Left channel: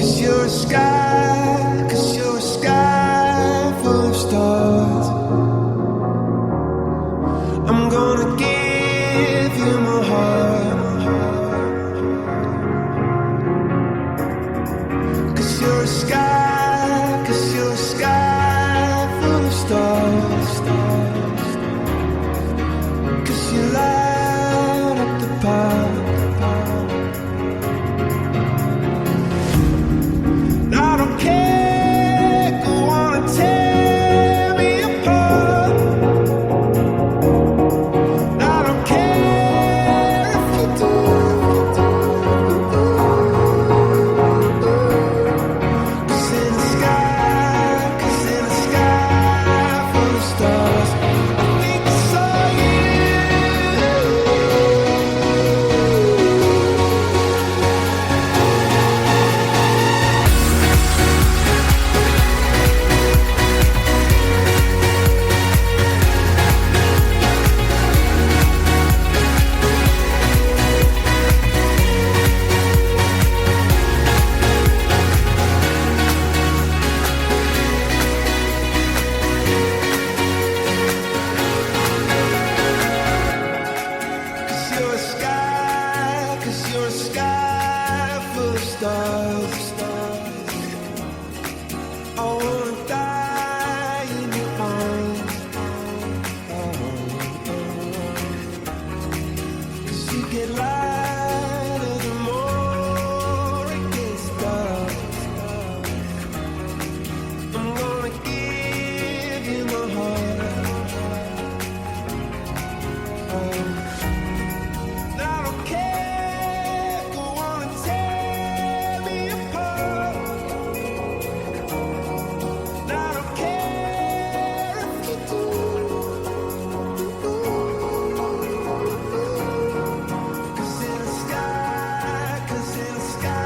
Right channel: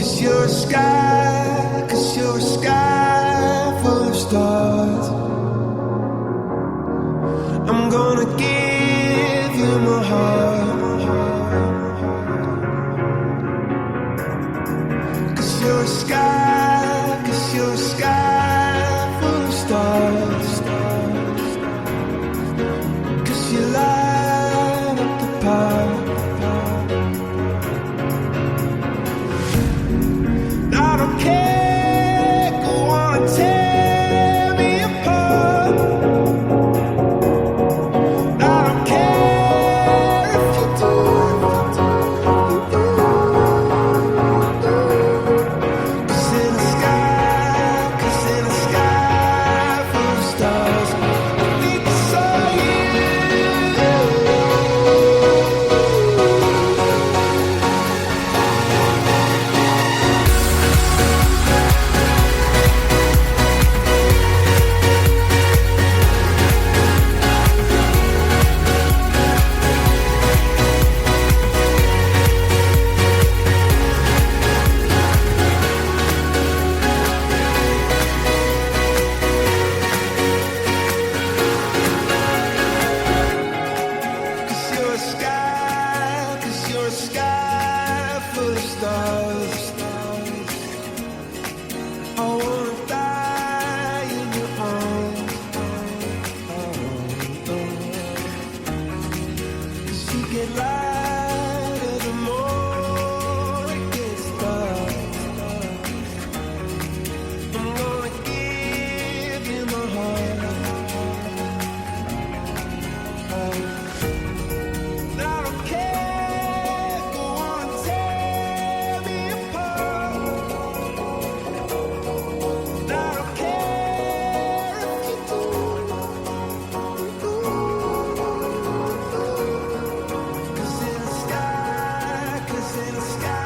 you're a sky, 'cause you're a sky full of stars. I'm gonna give you my heart, 'cause you're a sky, 'cause you're a sky full of stars. 'Cause you light up the park. I don't care, go on and tear me apart. I don't care if you do. Cause in the sky, 'cause in the sky full of stars, I think I saw you. You're a sky full of stars. I wanna die in your arms. Oh, oh. 'Cause you get lighter the more it gets dark. I'm gonna give you my heart. Oh. I don't care, go on and tear me apart. I don't care if you do. 'Cause in the sky, 'cause in the sky